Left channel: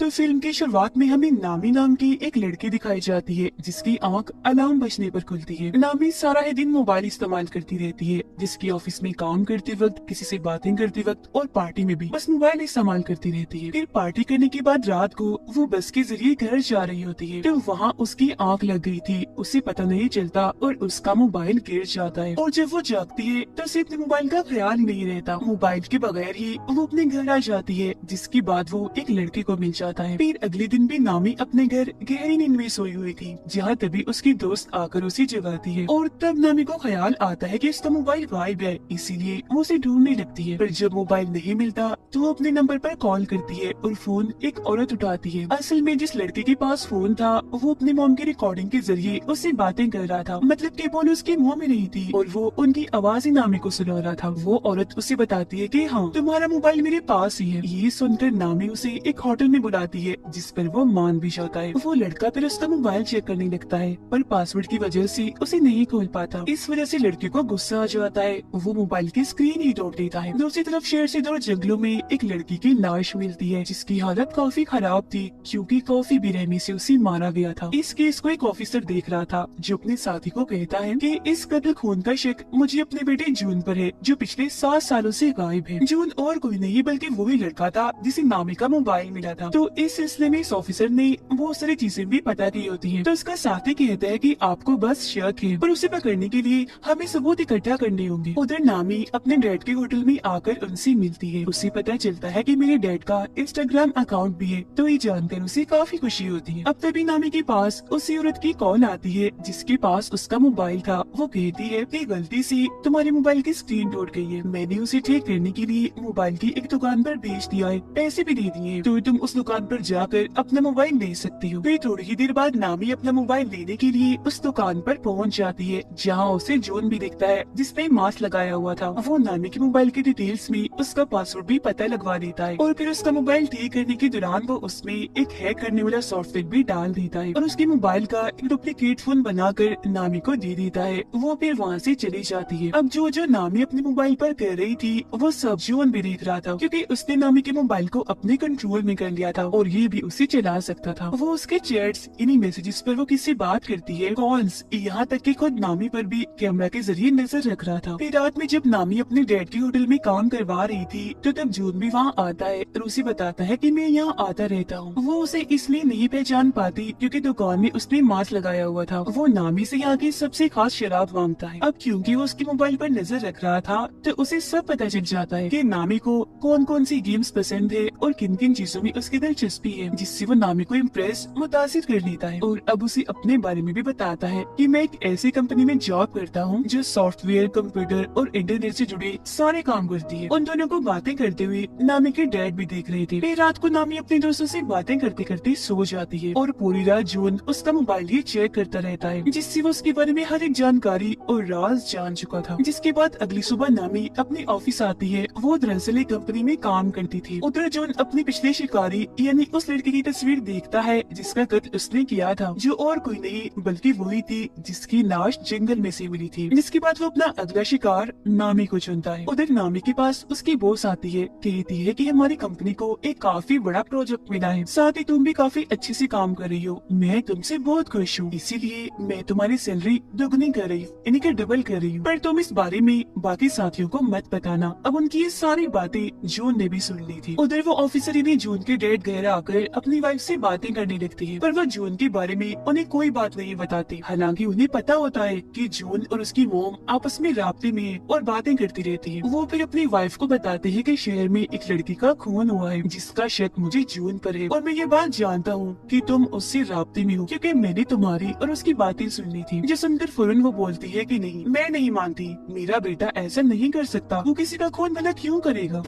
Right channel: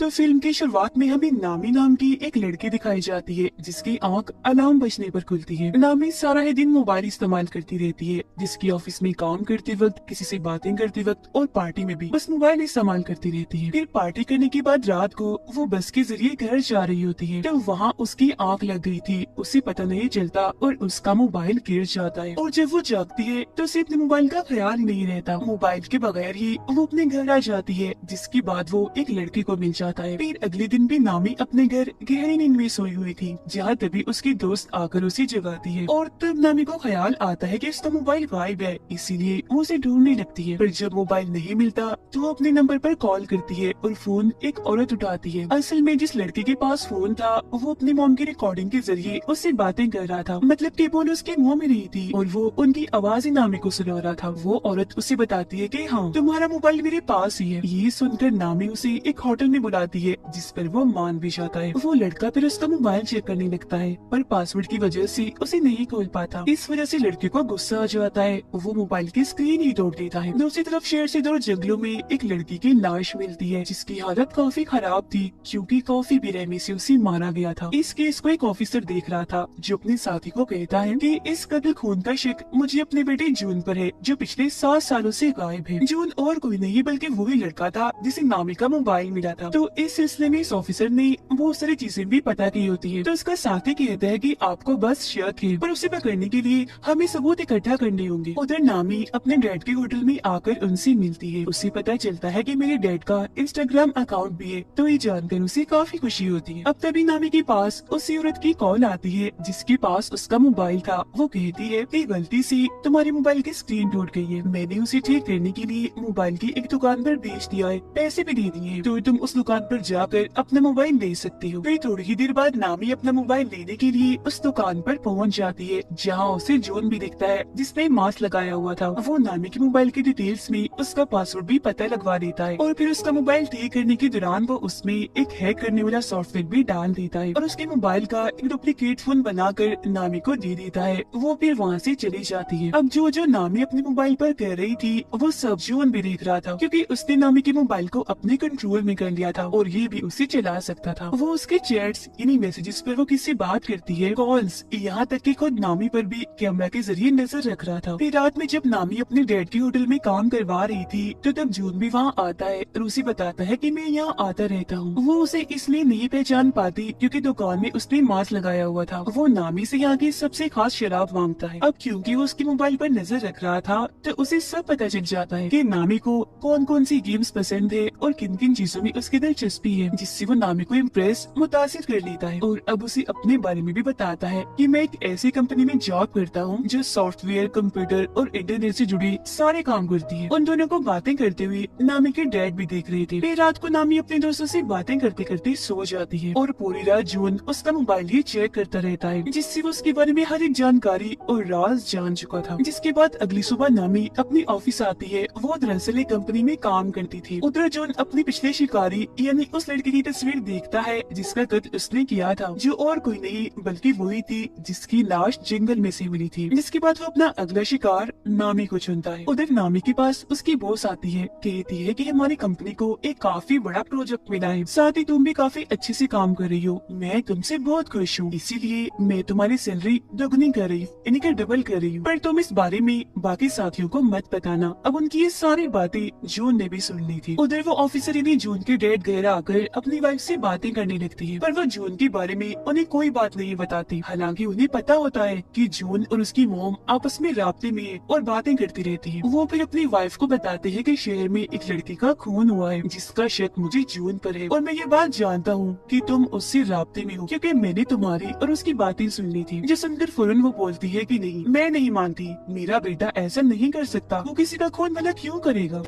तो फिल्म की शुरुआत में हमें नामी नाम की एक लड़की दिखाई जाती है जिसकी आंख अलार्म बजने पर खुलती है। नामी सारा ही दिन मोबाइल इस्तेमाल करती रहती है, जिसकी ऑफिस में काम करते वक्त, किसी से बातें करते वक्त और पार्टी में भी बस मोबाइल इस्तेमाल करती रहती है। फिर पार्टी करने के बाद रात को वो बस के जरिए घर जा रही होती है, तो वहाँ उसकी आंख लग गई थी, उसे पता नहीं चलता और उसका मोबाइल गिर जाता है। और जब वो जागती है तो उसे अपने मोबाइल का ख्याल ही नहीं रहता। मोबाइल के बगैर ही वो अपने घर आ जाती है, जिसके बाद वो एक लड़के को मिल जाता है। फिर अगले दिन भी नामी अपने घर गहरी नींद में सोई हुई थी, जहाँ तभी उसकी दोस्त आकर उसे जगाती है। और तब नामी को ख्याल आता है कि इसका मोबाइल गायब है, इसीलिए वो उसे ढूंढने लगती है। पर जब मोबाइल नहीं मिलता तो वो अपने नंबर पर कॉल करती है और फोन एक औरत उठाती है। असल में जिस लड़की के पास फोन था वो अपने मॉम की रिकॉर्डिंग के जरिए उससे बातें कर रहा था, मतलब कि बोल उसके मुंह में नहीं थी और वो उनकी आवाज ही नामी को सुना रहा था। वो औरत उसे बताती है कि हाँ, तुम्हारा मोबाइल मेरे पास ही है। ये सुनकर नामी उसे एक होटल में बुलाती है, जिस पर वो मान भी जाता है। वो लड़का फिर उसका मोबाइल चेक करने लगता है, पर पासवर्ड की वजह से उसे नहीं खोल पाता। इस वजह से लड़के को गुस्सा आ जाता है, वो मोबाइल की स्क्रीन ही तोड़ देता है। दूसरी तरफ शेर से दूर जंगलों में एक लड़की की लाश मिलती है, जिसकी हालत काफी खराब थी, क्योंकि काफी बेरहमी से उसे मारा गया था। इस केस को एक ऑफिसर देख रहा था, जो अपने साथी को कहता है कि इस कत्ल खून का शक मुझे अपने बेटे जून पर है, जो पिछले 7 सालों से गायब है। जून और कोई नहीं बल्कि वही लड़का था जिसे नामी का मोबाइल मिला था। तो इस सिलसिले में इस ऑफिसर ने बहुत सारी चीजें भी पता की होती है। तो उसका साथी कहता है कि आपको बस शक है, पर उसे पकड़ने के लिए हमें सबूत इकट्ठा करने होंगे। उधर नामी अपने डैड के होटल में आकर उनसे मिलती है। उसे पता चलता है कि मेरे डैड का इंस्टाग्राम अकाउंट भी है, तो ये जानकर उसे काफी खुशी होती है। अब तभी नामी के पास उसी औरत की कॉल आती है जिसके पास उसका मोबाइल था। वो कहती है कि गलती से तुम्हारे मोबाइल की स्क्रीन टूट गई है, मैंने उसे ठीक करने के लिए मोबाइल की एक दुकान पर भेज दिया है, पैसे भी दे दिए हैं, तो तुम उस दुकान पर जाकर अपना मोबाइल ले सकती हो। फिर थोड़ी ही देर बाद नामी अपना मोबाइल लेने के लिए उस दुकान पर पहुंच जाती है, जहां उसे जून भी दिखता है जिसने मास्क लगाया हुआ था। वो नामी के मोबाइल की डिटेल्स में उसका पासवर्ड भी पता लगवा देता है और फिर उसका मोबाइल ठीक करने के दौरान वो उसमें एक हैक करने वाला सॉफ्टवेयर भी डाल देता है और उसके मोबाइल का एक डुप्लीकेट फोन बनाकर नामी को दे देता है। वो फिर वहाँ से चली जाती है। अब जो जो नामी अपने मोबाइल पर कर रही थी वो सब जून भी देख रहा था, क्योंकि उसने नामी के मोबाइल को अपने कंट्रोल में कर लिया था और ये भी उसे चला सकता था। वो उसके चैट्स, इन्हीं मैसेजेस पर वो किससे बात करती है, कॉल्स, यहाँ तक कि खुद नामी पर भी कैमरा के जरिए नजर रख रहा था। फिर रात में जब नामी अपने डैड के होटल में काम करवा रही थी तो तब जून भी वहाँ आता है और उसे बताता है कि मैं यहाँ आता रहता हूँ। वो उसे इसलिए नहीं पहचान पाती क्योंकि दुकान में उसने मास्क लगाया हुआ था। वो नामी से आगे सबसे खास शराब मांगता है। अब क्योंकि वो उसके मोबाइल पर नजर रख रहा था तो उसे सब पता चल जाता है कि नामी को कौन कौन सी गेम्स पसंद है और किन किन चीजों में उसकी दिलचस्पी है, जिससे वो नामी को इम्प्रेस, मुतासिर कर लेता है। और अब उसे अपने बारे में भी बताता है कि मैं एक ऐसी कंपनी में जॉब करता हूँ जो सॉफ्टवेयर, कंप्यूटर और इंटरनेट से जुड़े सारे काम करती है। उन दोनों को बातें करते हुए नामी के डैड भी देख रहे थे। फिर रात को नामी अपने दोस्तों से बातें करते करते सो जाती है और पूरी रात जून उसका मोबाइल ही चेक करता रहता है, जिससे वो उसके बारे में हर एक जानकारी और राज जान चुका था। जिसके बाद अगली सुबह नामी अपने ऑफिस आती है। वो दरअसल एक कंपनी में काम करती थी। उधर जून अपनी पिछली शिकारी यानी उस लड़के की तस्वीर देखता है जिसका कत्ल उसने किया था, जो और कोई नहीं बल्कि वही थी जिसकी लाश जंगल में से मिली थी। जिसके बाद वो अपना अगला शिकार नामी को चुनता है। उधर नामी के पास उसकी बॉस आती है, कहती है कि हमारी कंपनी को एक काफी बड़ा प्रोजेक्ट मिला है, साथ ही तुम भी काफी अच्छे से काम कर रही हो, मैं तुमसे बहुत खुश हूँ, इसीलिए मैं तुम्हारी सैलरी दोगुनी कर रही हूँ, यानी कि डबल कर रही हूँ, पर तुम इस बारे में बाकी साथियों को मत बताना। अब उनकी ये सारी बातें जून ने भी सुन ली थी। उधर वो ऑफिसर यानी जून के डैड घर आकर अपनी वाइफ से बातें करने लगती है, पर वो जून के बारे में उन्हें कोई बात नहीं बताती। हालांकि उन्हें पता होता है कि जून और उसकी मोम आपस में राब्ते में है और बातें करती रहती है। वो फिर अपनी वाइफ को बताते हैं कि शहर में एक लड़की का खून हुआ है जिसका शक मुझे जून पर है और मैं ये बात जानता हूँ कि तुम उससे राब्ते में हो, क्योंकि मैंने तुम्हारी और उसकी बातें सुन ली थी। जो सुनकर फौरन वो बोलती है कि नहीं, मैं नहीं मानती, मेरा बेटा ऐसा नहीं कर सकता, वो किसी का खून गलत क्यों करेगा।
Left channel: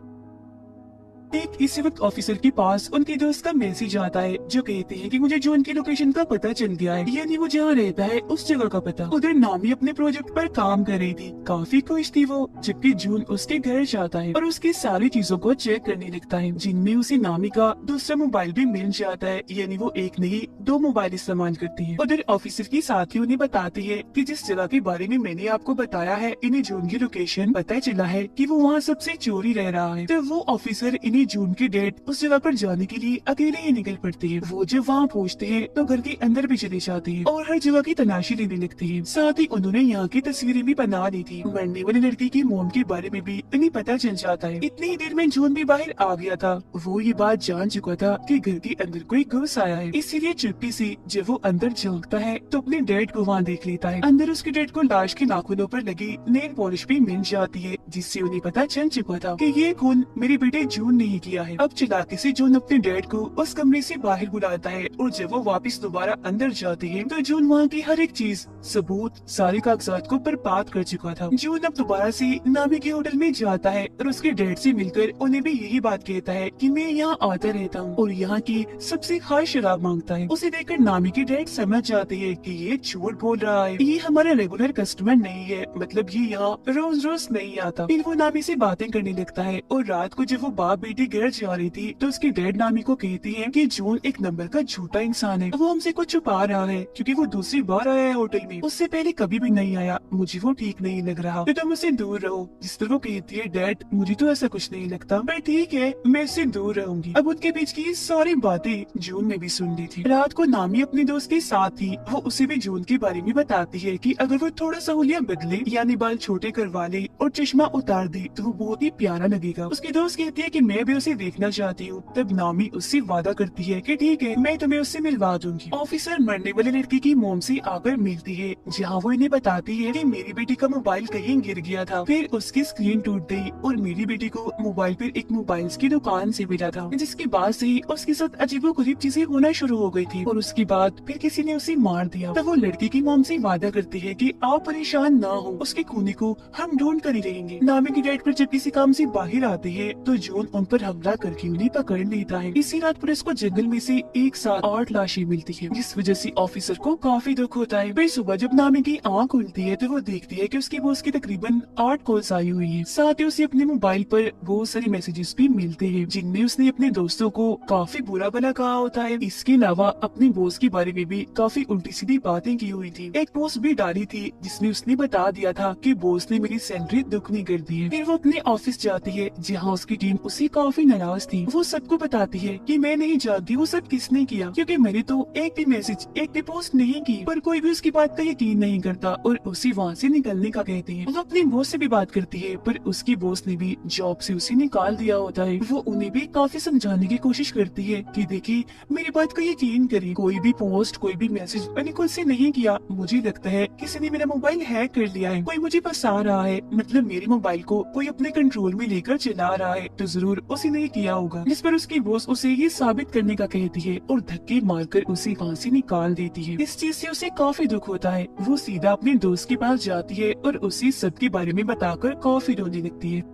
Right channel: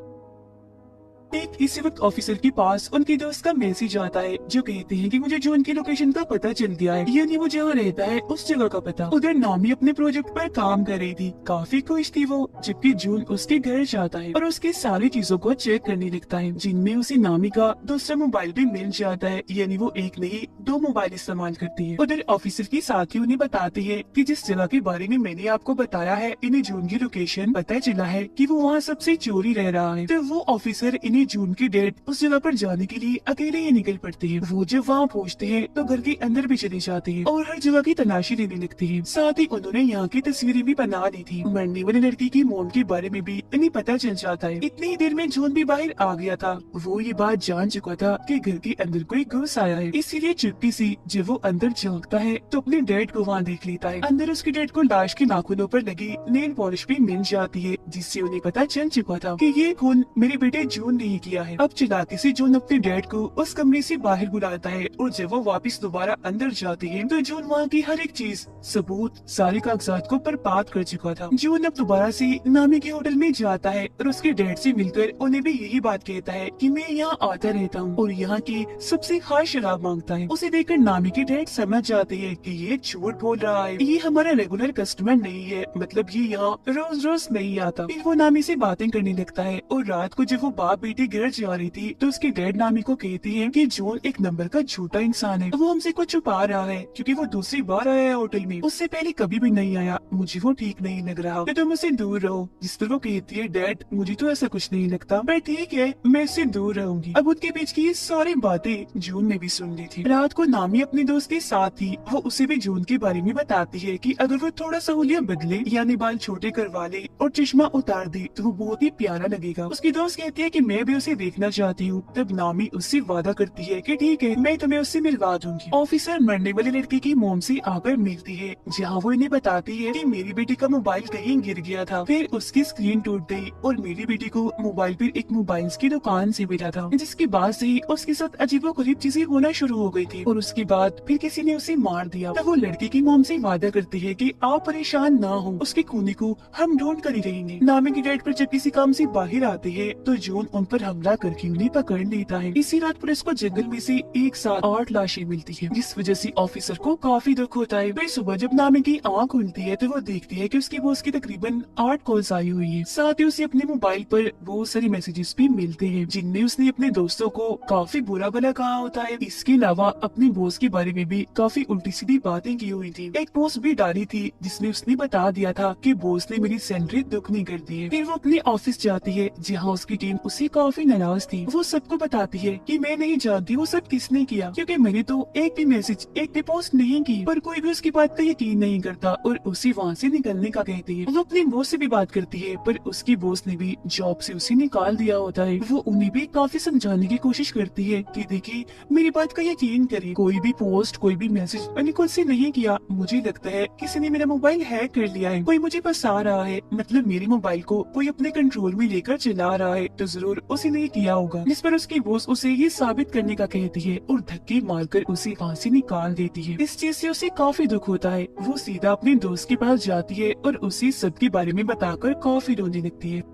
ठीक इसी वक्त ऑफिसर के पास उनके दोस्त का मैसेज आता है जो कहते हैं कि मुझे जून की लोकेशन का पता चल गया है, यानी वो जहाँ रहता है उस जगह का पता। उधर नामी अपने प्रोजेक्ट पर काम कर रही थी, काफी खुश थी वो, जबकि जून उसके घर जाता है और उसकी सारी चीजों को चेक करने लगता है, जिनमें उसे नामी का दूसरा मोबाइल भी मिल जाता है, यानी वो एक नहीं 2 मोबाइल इस्तेमाल करती है। उधर ऑफिसर की साथी उन्हें बताती है कि जिस जगह के बारे में मैंने आपको बताया है, इन्हें जून की लोकेशन पता चला है कि वो वहाँ सबसे चोरी रह रहा है। तो वो ऑफिसर इन्हें जून जून की डेट उस जगह पर जाने के लिए अकेले ही निकल पड़ते हैं। वो जब वहाँ पहुँचते हैं तो घर के अंदर भी चले जाते हैं और हर जगह की तलाशी लेने लगते हैं। साथ ही उन्होंने यहाँ की तस्वीरें भी बना ली थी। मरने वाली लड़की के मोम के बारे में भी इन्हें पता चल जाता है। इतनी ही देर में जून भी बाहर आ गया था। वो ये बात जान चुका था कि घर के अंदर कोई घुस आया है, इसीलिए चुप्पी से जब वो अंदर झांकता है तो अपने डैड को वहाँ देख लेता है। अंदर उसके डैड को लाश के नाखूनों पर लगी नेल पॉलिश भी मिल जाती है, जिससे उन्हें पता चल चुका था कि ये खून मेरे बेटे जून ने ही किया है। अब चालाकी से जून अपने डैड को उस कमरे से बाहर बुलाता है और जब वो वापस दोबारा अंदर जाते हैं तो जून वहाँ की हर एक चीज, सबूत, सारे कागजात को बर्बाद कर चुका था। जून अब दोबारा से नामी के होटल में जाता है और उसके डैड से मिलकर उन्हें भी यही बात कहता है कि मैं यहाँ आता रहता हूँ और यहाँ की सबसे खास शराब मांगता है। उसे देखकर नामी के डैड समझ जाते हैं कि ये झूठ बोल रहा है, ये हमारा रेगुलर कस्टमर नहीं है, मतलब ये यहाँ रोज रोज नहीं आता। फिर वो नामी से बातें करने लगता है और रात को जब वो बाप बेटी घर जा रही थी तो उसके डैड नामी को कहते हैं कि जून एक नंबर का झूठा इंसान है, वो हमसे कुछ छुपा रहा है क्योंकि वो दूसरी बार आया है होटल में, उससे पहले कभी भी नहीं आया, मुझे वो ठीक नहीं लग रहा, तो तुम उससे दूर रहो। जिस तरह वो कहती है डैड मुझे तो ऐसा कुछ नहीं लगता, पर ठीक है मैं इससे दूर रहूंगी। अब उनके बीच की ये सारी बातें जून ने भी सुन ली थी। रात को नामी अपने दोस्त के साथ थी, वो उसे भी जून के बारे में बताती है कि अगर वो थोड़ा सा हुलिया बदले यानी बाल छोटे करवा ले और चश्मा उतार दे तो वो बहुत ही प्यारा लगेगा। उसकी दोस्त कहती है कि मैं भी उसे देखना चाहती हूँ। तब नामी उससे वादा करती है कि ठीक है मैं तुम्हें उससे मिलवा दूंगी। ऑफिसर मरने वाले लड़के की मोम से आकर मिलती है, जहाँ वो इन्हें बताती है कि मेरी बेटी का मोबाइल कहीं गिर गया था, फिर उसकी स्क्रीन टूट गई और मेरी बेटी को मोबाइल पर एक मोबाइल की दुकान से मिला था, जिसके बाद से ही उसके साथ अजीबोगरीब चीजें होना शुरू हो गई थी और उसके बाद फिर किसी ने उसे मार दिया। तो वो लड़की की मोम से वादा करती है कि आप परेशान ना हो, उसके खूनी को हम ढूंढ कर ही रहेंगे। नामी की डैड पर जब किसी काम से बाहर आते हैं तो जून उन पर हमला करके उन्हें पकड़ लेता है। इसी रात पुलिस को जंगल में से एक साथ 8 लाशें मिलती है, जिस वजह से ऑफिसर को काफी दुख होता है। फिर सुबह जब नामी की आँख खुलती है तो वो देखती है कि उसके बॉस की तकरीबन 8 कॉल्स आई हुई है। साथ ही उसे अपने मोबाइल पर बहुत सारे मैसेजेस भी मिलते हैं, जिनमें उसने अपने दोस्तों को काफी बुरा भला कहा होता है। इसके अलावा अपने बॉस के बारे में भी काफी उल्टी सीधी बातें की हुई थी। एक पोस्ट भी डाली थी जिसमें उसने बता दिया था कि बॉस ने मेरी सैलरी दुगनी कर दी है। फिर वो अपने ऑफिस जाती है जहाँ उसकी टीम उससे काफी नाराज थी। वो सबको बताती है कि मैं नहीं जानती वो सब किसने किया, क्योंकि मैंने तो एक भी मैसेज, एक भी पोस्ट नहीं की, पर कोई भी उसकी बात का यकीन नहीं करता और उसे वहाँ से निकलने का कहती है। वो अपनी बॉस से भी बात करती है, पर उसकी बॉस ने भी जॉब से उसे निकाल दिया होता है। वो उन्हें भी काफी समझाने की कोशिश करती है कि देखिए मेरी बात का यकीन करें, कोई भी पोस्ट, कोई भी मैसेज मैंने खुद से नहीं किया, मुझे लगता है किसी ने मेरा मोबाइल हैक कर लिया है, कोई मुझे फंसा रहा है, मतलब मेरे मोबाइल को कोई अपने कंट्रोल में लेकर चला रहा है, तो जरूर उसी ने किया होगा। जिस पर उसकी बॉस उसे ये साबित करने का कहती है और धक्के मारकर उसे वहाँ से निकाल देती है। इस चीज से उसे काफी दुख होता है। वो सीधा अपने दोस्त के पास जाती है और उसे सबके बारे में बताकर काफी रोने लगती है।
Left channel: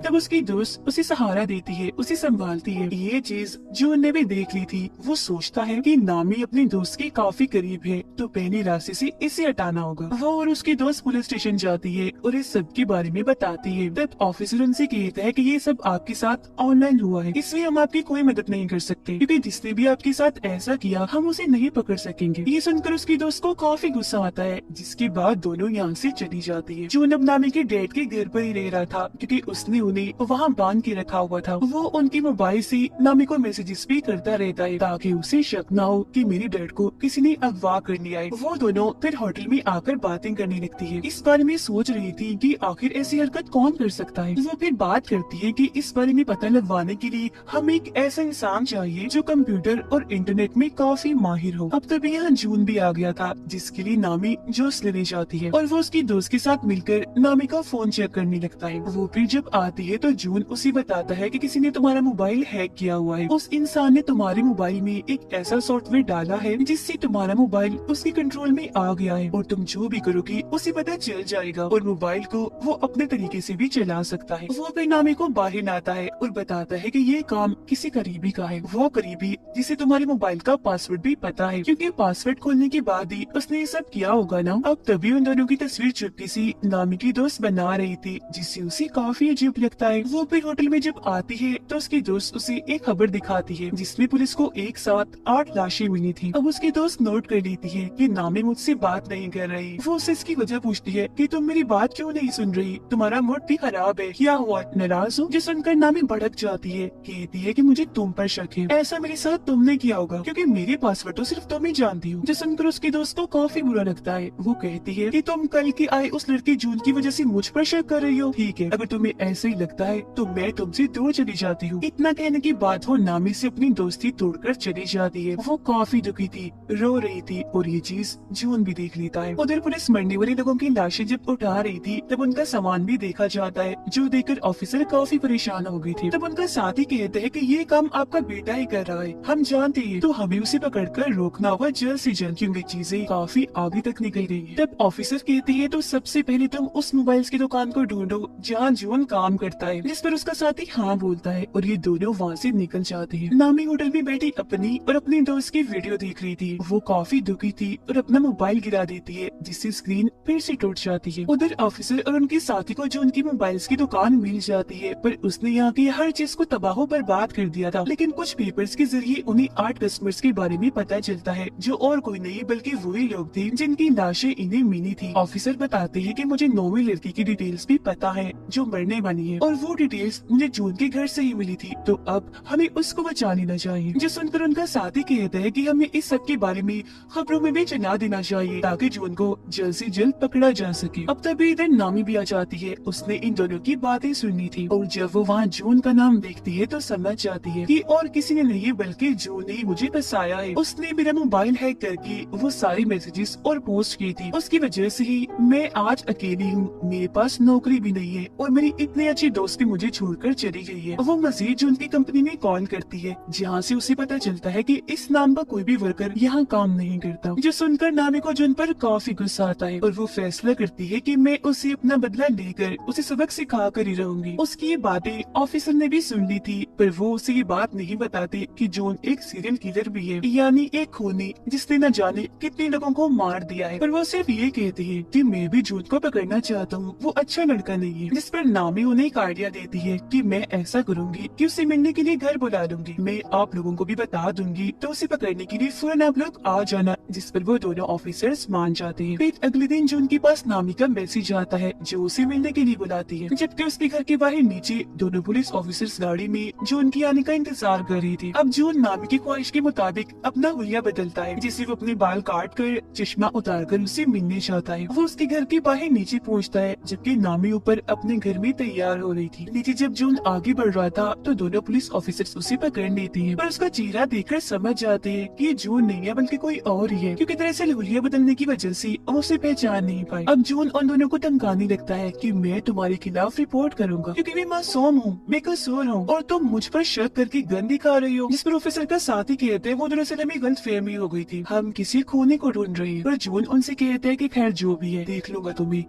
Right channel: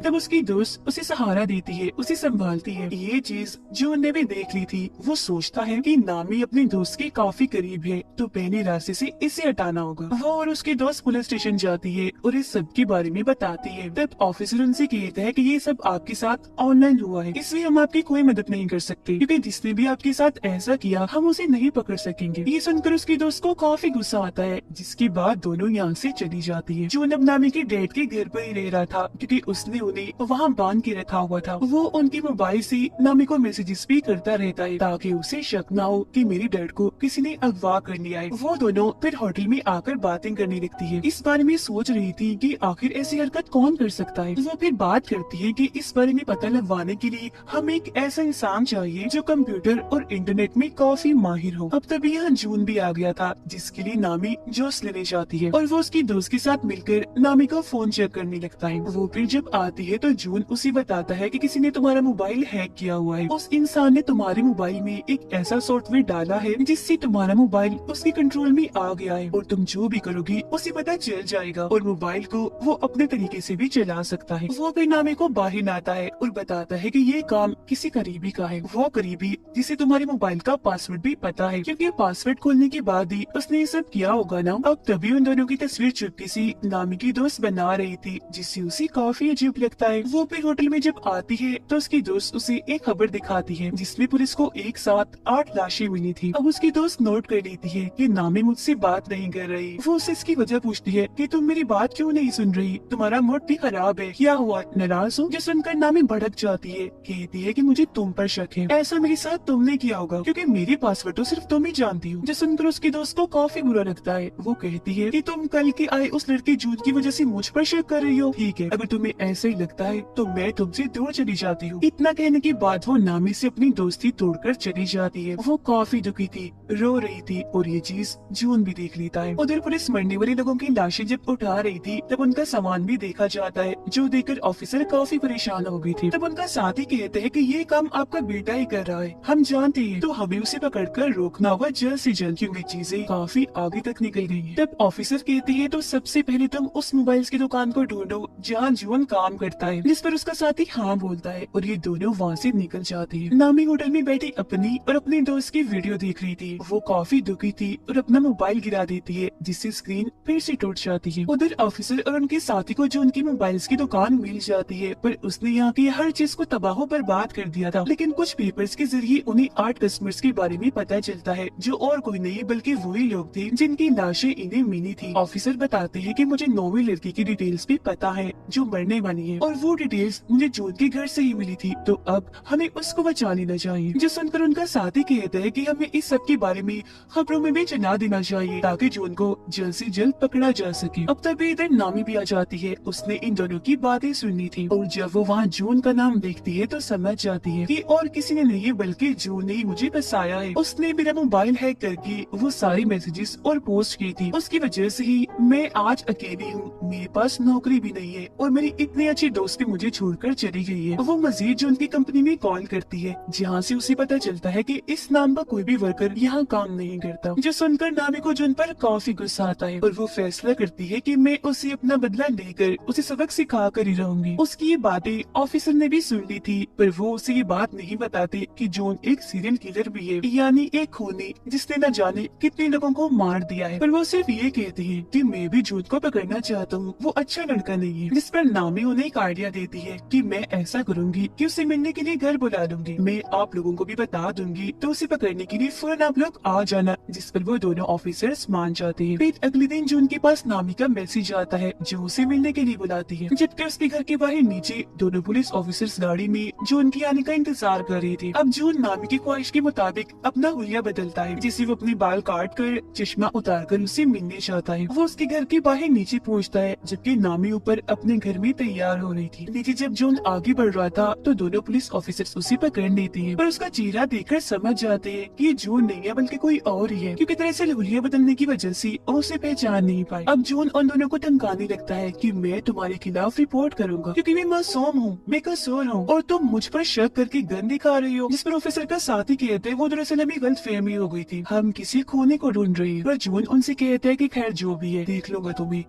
तब उसकी दोस्त उसे सहारा देती है, उसे संभालती है। ये चीज जून ने भी देख ली थी। वो सोचता है कि नामी अपने दोस्त के काफी करीब है, तो पहले रास्ते से इसे हटाना होगा। वो और उसके दोस्त पुलिस स्टेशन जाती है और इस सब के बारे में बताती है। तब ऑफिसर उनसे कहता है कि ये सब आपके साथ ऑनलाइन हुआ है, इसलिए हम आपकी कोई मदद नहीं कर सकते, क्योंकि जिसने भी आपके साथ ऐसा किया हम उसे नहीं पकड़ सकेंगे। ये सुनकर उसकी दोस्त को काफी गुस्सा आता है, जिसके बाद दोनों यहाँ से चली जाती है। जून अब नामी के डैड के घर पर ही रह रहा था, क्योंकि उसने उन्हें वहाँ बांध के रखा हुआ था। वो उनके मोबाइल से नामी को मैसेजेस भी करता रहता है ताकि उसे शक न हो कि मेरे डैड को किसी ने अगवा कर लिया है। वो दोनों फिर होटल में आकर बातें करने लगती है। इस बारे में सोच रही थी कि आखिर ऐसी हरकत कौन कर सकता है। वो फिर बात करती है कि इस बारे में पता लगवाने के लिए हमें एक ऐसा इंसान चाहिए जो कंप्यूटर और इंटरनेट में काफी माहिर हो। अब तभी यहाँ जून भी आ गया था, जिसके लिए नामी जूस लेने जाती है और वो उसकी दोस्त के साथ मिलकर नामी का फोन चेक करने लगता है। वो फिर जब आती है तो जून उसे बताता है कि किसी ने तुम्हारा मोबाइल हैक किया हुआ है। उस इंसान ने तुम्हारे मोबाइल में एक ऐसा सॉफ्टवेयर डाला है जिससे तुम्हारा मोबाइल उसके कंट्रोल में आ गया है और तुम जो भी करोगी उसे पता चल जाएगा और मोबाइल को वो अपने तरीके से भी चला सकता है। वो फिर नामी को बाहर लाता है और बताता है कि ये काम किसी करीबी का है, वो करीबी जिसे तुम्हारे मोबाइल का पासवर्ड भी पता है, क्योंकि पासवर्ड खोलने के बाद ही उसने ये सब किया होगा ना। अब तभी उन दोनों की तस्वीर चुप्पी से नामी की दोस्त बना रही थी, जिससे उसे काफी अजीब लगता है। वो फिर होटल में जब आती है तो उसकी दोस्त उसे एक खबर दिखाती है जिसमें पुलिस को एक साथ 8 लाशें मिली थी। अब उसकी दोस्त नोट कर लेती है कि नामी मुझसे बात नहीं कर रही। वो उससे इसकी वजह पूछती है कि तुम मेरी बात क्यों नहीं सुन रही, तुम्हारा मूड भी खराब है, क्या हुआ, नाराज हो? जो सुनकर नामी भड़क जाती है, कहती है कि मुझे तुम पर शक है, ऐसा मेरे साथ तुमने किया होगा क्योंकि मेरे पासवर्ड तो सिर्फ तुम ही जानती हो। जो सुनकर उसकी दोस्त को काफी बुरा लगता है। वो कहती है कि तुम कल के आए उस लड़के जून की वजह से मुझ पर शक कर रही हो। ठीक है, अगर तुम्हें ऐसा ही लगता है तो मैं तुमसे दूर चली जाती हूँ। इतना कहने के बाद वो नामी से अपनी दोस्ती तोड़कर चली जाती है। वो काफी दुखी थी, रो रही थी और ये चीज जून भी देख लेता है। उधर पुलिस मंडी वाले लोगों की लाशें जब उठा रही थी तब उनका सामान भी देखा जाता है, जो देखकर ऑफिसर काफी परेशान हो गई थी। तब उनका साथी कहते हैं कि ये काम आपका बेटा ही कर रहा है, हम जानते हैं, तो हमें उसे पकड़कर रोकना होगा जल्द से जल्द क्योंकि चीजें काफी आगे तक निकल गई है। तब ऑफिसर कहती है तो सबसे पहले तुम उस मोबाइल्स की दुकान को ढूंढो जहाँ जून काम करता है, जिस पर उसका साथी हाँ बोलता है और ये दोनों वहाँ से निकल जाते हैं। नामी होटल में बैठी अपनी और अपने दोस्त की वीडियो देख रही थी। वो काफी दुखी थी और अपना मोबाइल गिरा देती है जिससे स्क्रीन फिर से टूट जाती है। उधर ऑफिसर और उनके साथी को जून की मोबाइल्स की दुकान मिल जाती है, पर उसने यहाँ की हर चीज को तबाह बर्बाद कर दिया था। लेकिन कुछ पेपर्स के जरिए उन्हें 8 कस्टमर्स के बारे में पता चलता है जो और कोई नहीं बल्कि वही लोग थे जिनकी लाशें इन्हें मिली थी। ऑफिसर बताते हैं कि मुझे 9वीं लड़की की डिटेल्स भी पता है जो मरने वाली है और वो डिटेल्स मुझे जून के घर से ही मिली थी, तो अब हमें उसको बचा लेना चाहिए। जो सुनकर उनका साथी कहता है कि हमें इस सब के बारे में खबरों में भी चला देना चाहिए ताकि जून को जल्द से जल्द पकड़ा जा सके। अब तभी इधर नामी भी आ जाती है। उसने इन दोनों की बातें सुनी थी और जब वो वहाँ जून का नाम देखती है तो समझ जाती है कि और किसी ने नहीं बल्कि जून ने ही मुझे फंसाया है। उसने मेरा मोबाइल हैक करके वो सारी मैसेजेस और पोस्ट की थी, उसकी वजह से ही मैं आज अकेली हूँ, मेरे पास नौकरी भी नहीं है और मेरी इतनी अच्छी दोस्त भी मुझे छोड़कर चली गई है। वो मजीद जून की कंपनी में कॉल करती है जहाँ से उसे पता चलता है कि इस नाम का कोई भी वर्कर यहाँ काम नहीं करता। जो सुनकर नामी को जून पर काफी गुस्सा आता है और वो फैसला करती है कि मैं उसे अपना बदला लेकर उसे सबक सिखा कर ही रहूंगी। उसकी ये बातें ऑफिसर ने भी सुन ली थी, पर वो उसे ये बात नहीं बताते कि जॉन एक सीरियल किलर भी है, यानी एक खूनी जिसने न जाने कितने लोगों को मार दिया है। पर वो सिर्फ ये कहते हैं कि मैं भी जॉन को पकड़ना चाहता हूँ, वो अच्छा लड़का नहीं है। जिस पर नामी उन्हें एक आइडिया देती है कि मैं ऐसा करूंगी कि उसे मिलने के लिए घर बुला लूंगी, मैं आप लोगों को भी बता दूंगी तो उसे पकड़ने के लिए फौरन आप लोग आ जाना। जिस पर वो दोनों ऑफिसर्स मान जाते हैं। फिर अगले दिन जून के पास नामी का मैसेज आता है जो उसे मिलने के लिए बुलाती है, जबकि उसके घर के बाहर नीचे दोनों पुलिस ऑफिसर्स गाड़ी में जून के आने का इंतजार कर रही थी। अब जून नामी की ख्वाहिश के मुताबिक अपना हुलिया बदलता है, जिसे वो अपने बाल काट कर चश्मा उतार कर उसे मिलने चाहता है। वो उसके घर के बाहर नीचे पहुँचता है जबकि नामी ऊपर अपने घर में तैयार हो रही थी। नीचे जब जून आगे बढ़ रहा था तो दोनों पुलिस ऑफिसर्स उसे पकड़ लेते हैं, पर उसका चेहरा देखकर समझ जाते हैं कि ये जून नहीं है बल्कि कोई और ही है, क्योंकि दरअसल हुलिया बदलने की वजह से वो उसे पहचान नहीं पाई। अब जून उन दोनों को धमकाने लगता है कि मैं तुम्हारे खिलाफ रिपोर्ट करूंगा क्योंकि मैं मासूम हूँ, बेकसूर हूँ और तुम मुझ पर शक करके गन दिखा रही हो। जिस पर ऑफिसर का साथी कहते हैं वो दरअसल हमें गलतफहमी हो गई थी, हम किसी खूनी को ढूंढ रहे हैं। पर जून उनसे कहता है कि खैर जो भी है देख लूंगा तुम्हें।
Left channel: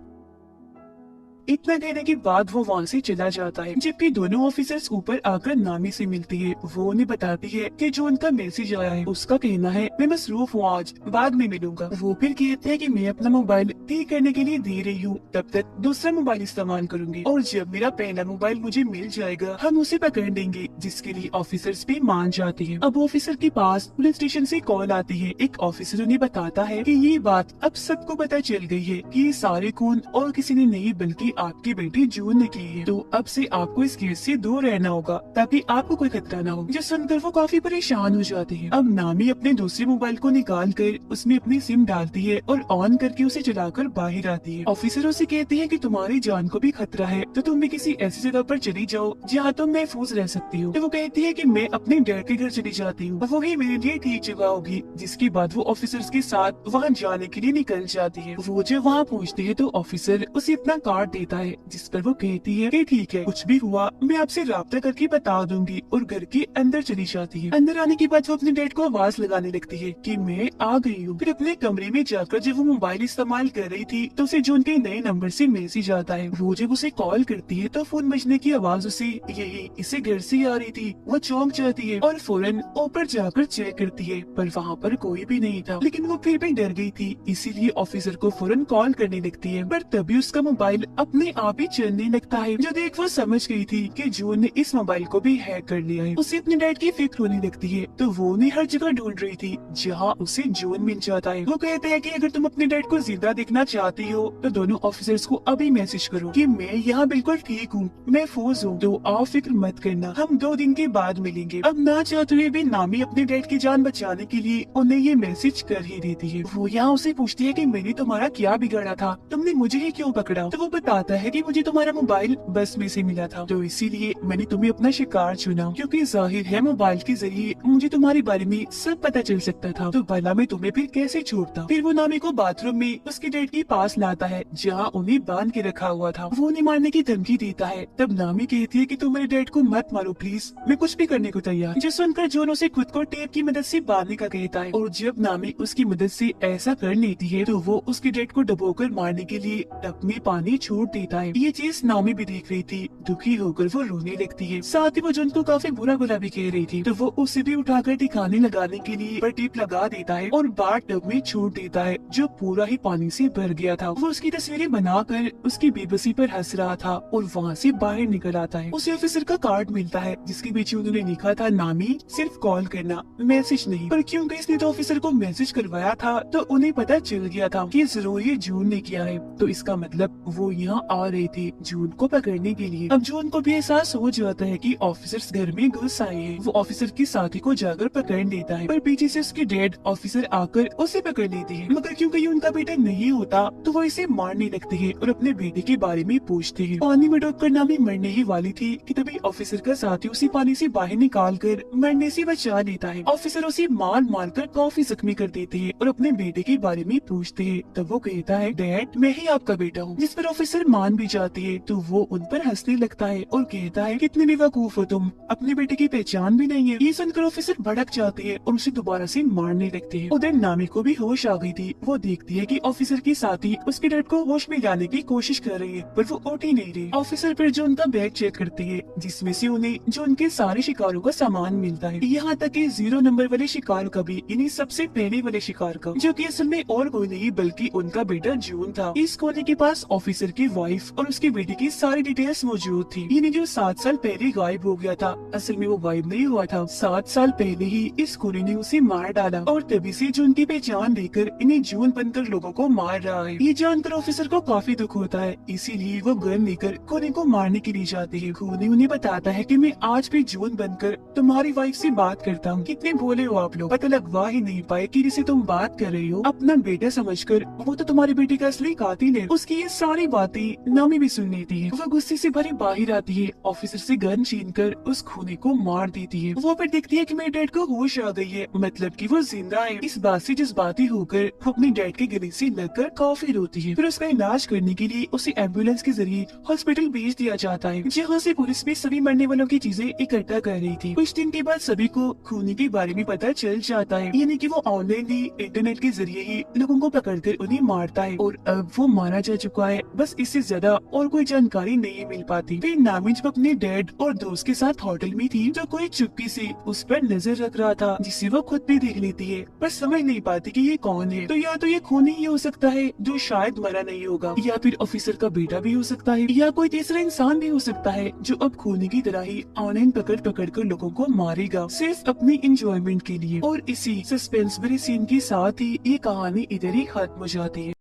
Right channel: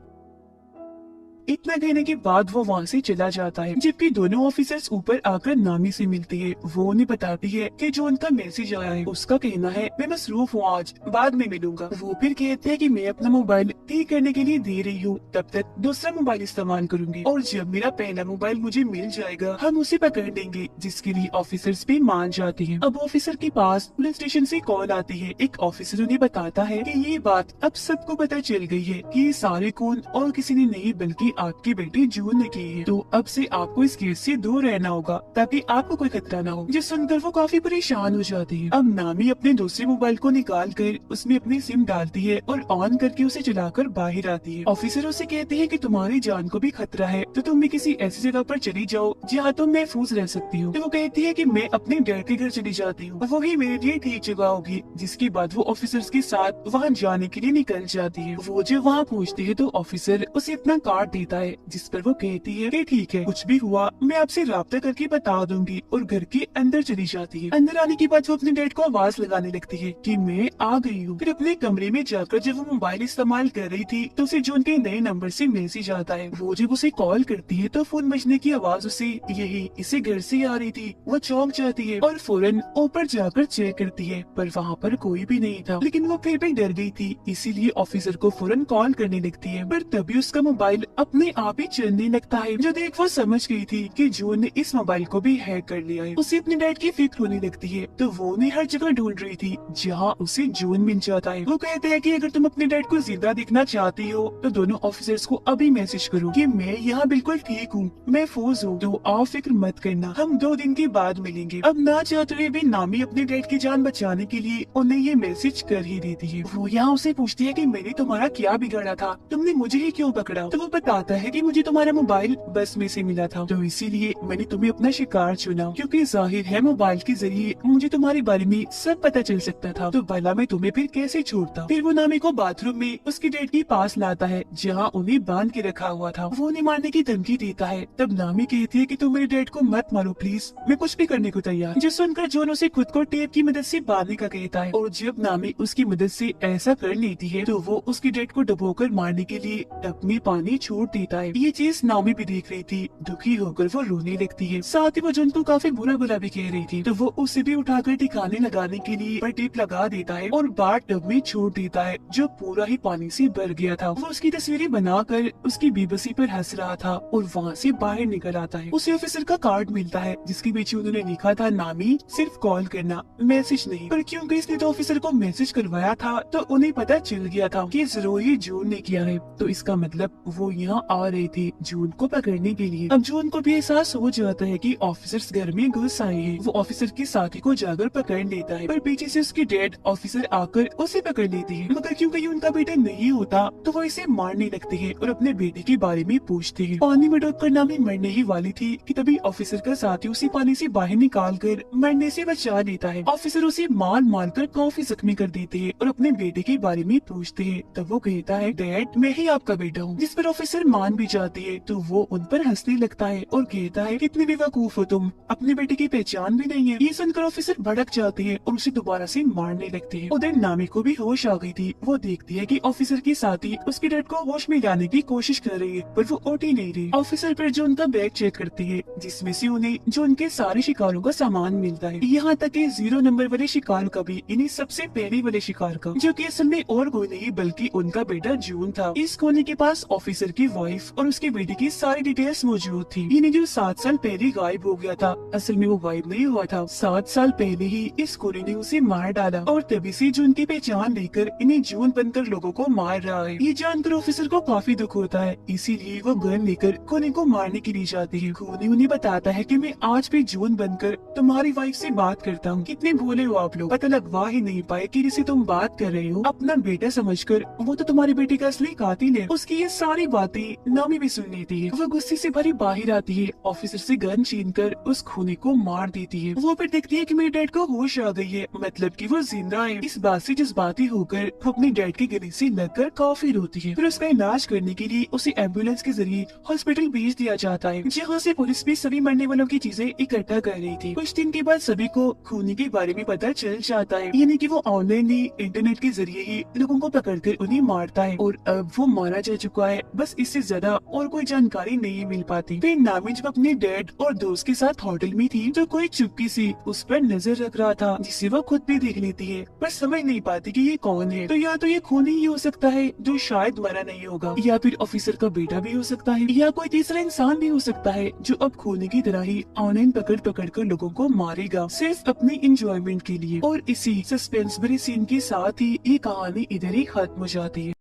इतना कहने के बाद वो वहाँ से चला जाता है, जबकि दोनों ऑफिसर्स ऊपर आकर नामी से मिलते हैं। वो उन्हें बताती है कि जो उनका मैसेज आया है उसका कहना है मैं मसरूफ हूँ, आज बाद में मिलूंगा। वो फिर कहते हैं कि मैं अपना मोबाइल ठीक करने के लिए दे रही हूँ, तब तक दूसरा मोबाइल इस्तेमाल करूंगी और जब मेरा पहला मोबाइल मुझे मिल जाएगा हम उसे पकड़ लेंगे, जिसके लिए ऑफिसर्स भी मान जाते हैं। अब ऑफिसर के पास पुलिस स्टेशन से कॉल आती है। एक ऑफिसर उन्हें बताता है कि ये बात अब सबको पता चल गई है कि ये सारे खून और किसी ने नहीं बल्कि आपकी बेटी जून ने की है, तो अब से आपको इस केस से दूर रहना होगा ताकि आपको कोई खतरा न हो। जो सुनकर वो काफी परेशान हो जाती है। अब नामी अपने दूसरे मोबाइल को निकाल कर उसमें अपनी सिम डालती है और ऑन करके उसे चलाकर बाहर आती है। ऑफिसर उसे कहते हैं कि तुम्हारी जान को भी खतरा है तो तुम भी किसी ऐसी जगह पर चली जाओ जहाँ तुम महफूज रह सकती हो। तो वो कहती है कि मैं अपने डर के घर चली जाती हूँ, वही मेरे लिए ठीक जगह होगी। जिसके बाद वो ऑफिसर्स के साथ वहाँ जाने के लिए निकल जाती है। वो जब वहाँ पहुँचती है तो ऑफिसर उसे अपना कार्ड देता है, जिस पर वो कहती है कि ठीक है कुछ भी हुआ मैं आपसे राब्ता करके बता दूंगी, और घर के अंदर चली जाती है। अंदर आने के बाद वो अपने डैड को आवाज लगाने लगती है कि मैं आ गई हूँ। फिर अपने कमरे में जाकर जब वो मोबाइल इस्तेमाल कर रही थी तो उसे जून के नए नंबर से मैसेज आता है। वो जब उसे कॉल करती है तो फोन बजने की आवाज उसे यही इसे घर से आ रही थी। वो चौंक जाती है और फौरन ऊपर जाकर चेक करती है, पर वहाँ पर कोई भी नहीं था। लेकिन वो फिर भी डर गई थी, इसीलिए ऑफिसर को फौरन कॉल करने लगती है। पर तभी उसका मोबाइल अपने आप ही चलने लगता है। जो देख वो समझ गई थी कि जून ने इस मोबाइल को भी हैक कर लिया है। उसे अपने डैड की फिक्र होने लगती है, तो वो उन्हें हर जगह ढूंढ रही थी जहाँ उसे जून मिल जाता है। वो कहते हैं कि अगर तुम अपने डैड को जिंदा देखना चाहती हो तो दोनों ऑफिसर्स को अभी मैसेज करो कि मैं यहाँ बिल्कुल ठीक हूँ, महफूज हूँ, तो आप फिक्र मत करना, हम 2 दिन के बाद मिलेंगे। अब ना चाहते हुए भी नामी अपने डैड की जान बचाने के लिए उन्हें ये मैसेज कर ही देती है। वो यहाँ उसे पूछती है कि मैंने तुम्हारा क्या बिगाड़ा था, तुमने मुझे ही क्यों पकड़ा? तो वो बताता है कि मुझे तुम्हारा मोबाइल बस में से मिला था, तो इसीलिए मैंने तुम्हें अपना शिकार चुना, क्योंकि जाहिर है मोबाइल के जरिए मुझे तुम्हारे बारे में सब पता चल सकता था, तो भला मैं तुम्हें फिर कैसे छोड़ता। फिर वो नामी को बाथरूम में उसके डैड के पास लाता है जहाँ उन्हें बांध के रखा हुआ था। वो उन्हें मारने की धमकी देता है। तब नामी कहती है कि तुम मेरे डैड को मत मारो प्लीज, मैं कुछ भी करने को तैयार। जिस सुनकर जॉन उसे खुद को टेप की मदद से बांधने का कहता है, और जब नामी उसकी मदद से ऐसा कर लेती है तो वो उसके डैड को डुबोकर मारने के लिए टब में पानी छोड़ देता है। ये चीज नामी भी देख रही थी। दुखी होकर वो रोने लगती है। साथ ही वो जॉन को काफी बुरा बुरा भी कह रही थी, तो वो उसे भी उठाकर ठिकाने लगाने के लिए पर टेप लगा देता है और बाथ टब में छोड़ देता है जो पूरा ही पानी से भर गया था। वो उसकी तस्वीरें बनाकर उसकी बेबसी पर हंस रहा था और वहाँ से बाहर निकल आता है। उसे ऑफिसर का कार्ड मिलता है जिसके पीछे उन्होंने लिखा था नामी सिर्फ कॉल करना, मैसेज नहीं। पर क्योंकि इसने तो ऑफिसर को मैसेज करवाया था तो उन्हें पता चल गया था कि जरूर ये जून ने किया है, तो इसका मतलब वो यहाँ आ रहे थे जून को पकड़ने के लिए। अब जून को भी एहसास हो जाता है कि ऑफिसर्स घर में घुस आए हैं। वो ऑफिसर के साथी को जाकर पकड़ लेता है, पर पीछे से उसके डैड ऑफिसर आकर उसे पकड़ लेती है। मगर क्योंकि ये उनका बेटा नहीं होता तो वो इसे मारने लगती है और अपने बेटे के बारे में पूछती है। पानी में डूबकर नामी मरने ही वाली थी कि तभी ऑफिसर का साथी उसे पानी से बाहर निकाल कर मरने से बचा लेता है। ऑफिसर उसे मार मार कर काफी जख्मी कर देते हैं और अपने बेटे के बारे में पूछते हैं। तब वो कहता है डैड मैं ही आपका बेटा हूँ, जिस पर ऑफिसर मान भी जाती है। तो वो उन पर हंसने लगता है और कहता है कितने बेवकूफ हो तुम, अपने बेटे की पहचान भी नहीं है। ये सुनकर ऑफिसर भड़क जाते हैं और उसे दोबारा से मारने लगते हैं। उधर नामी को भी होश आ गई थी। वो देखती है कि ऑफिसर के साथी उसके डैड को होश में लाने की कोशिश कर रही है, पर वो उठ ही नहीं रही। ऑफिसर फिर जो उनका बैग चेक करते हैं जिसमें से उन्हें जो उनके सारे शिकारों का सामान मिलता है, यहाँ तक कि 0 नंबर वाले शिकार का भी, इन्हीं सबसे पहले वाले शिकार का, जो कि असल में और कोई नहीं बल्कि उनका बेटा जून था। इस कोने के पास ऑफिसर की वाइफ और उसके बेटे की सारी डिटेल्स मौजूद थी। इन्हें जो 7 साल पहले गायब हो गया था, असल में वो गायब नहीं हुआ था, 7 साल पहले ही इस कोने ने उसे मार डाला और तभी से जून की पहचान लेकर इन्हें जून बनकर लोगों को मार रहा है। ये जानकर ऑफिसर को काफी दुख होता है, इसीलिए वो गन लेकर खूनी को मारने के लिए जाती है। खूनी उन्हें बताता है कि मैं आज भी जून बनकर तुम्हारी वाइफ से बात करता हूँ। कितने भोले हो आप लोग, पता लगवा ही नहीं पाए कि जिसे तुम बात कर रहे हो अपना बेटा समझकर, वो तो तुम्हारे बेटे का असली कातिल है। उसकी ये सारी बातें नामी भी सुन लेती है। वो गुस्से से भरी बाहर आती है, ऑफिसर से गन छीनकर उस खूनी को मार देती है। वो फिर देखती है कि मेरे डैड को होश आ गई है, मतलब कि वो जिंदा है। इस बात से जज्बाती होकर वो अपने डैड के गले से लगकर काफी रोती है। फिर उसका इलाज करने के लिए उसे एम्बुलेंस के जरिए हॉस्पिटल भेज दिया जाता है, जहाँ से पुलिस भी सभी मरने वालों की चीजें इकट्ठा कर रही थी। कुछ दिन के बाद सभी को खूनी के बारे में पता चल जाता है, यानी कि वो ऑनलाइन ही इंटरनेट के जरिए ही लोगों को पकड़कर उन्हें मारता है और अब वो मारा जा चुका है। बस इससे ज्यादा और कोई जानकारी नहीं मिल पाती। फिर नामी जब अपने डैड और दोस्त के साथ होटल में थी तो कोई चुप्पी से उस पर नजर रख रहा था, जिसे वो खुद भी देख लेती है, पर समझ नहीं पाती कि ये कौन है। तो या तो ये खूनी ही हो सकता है जो शायद मरा नहीं होगा, या फिर ऑफिसर का बेटा भी हो सकता है, या कोई तीसरा इंसान भी हो सकता है जो अब खूनी की तरह ही ऑनलाइन पकड़ पकड़ कर लोगों को मारेगा सिर्फ अपनी इंजॉयमेंट के लिए। और इसी सस्पेंस भरे सीन के साथ ही ये कहानी इधर ही खत्म हो जाती है।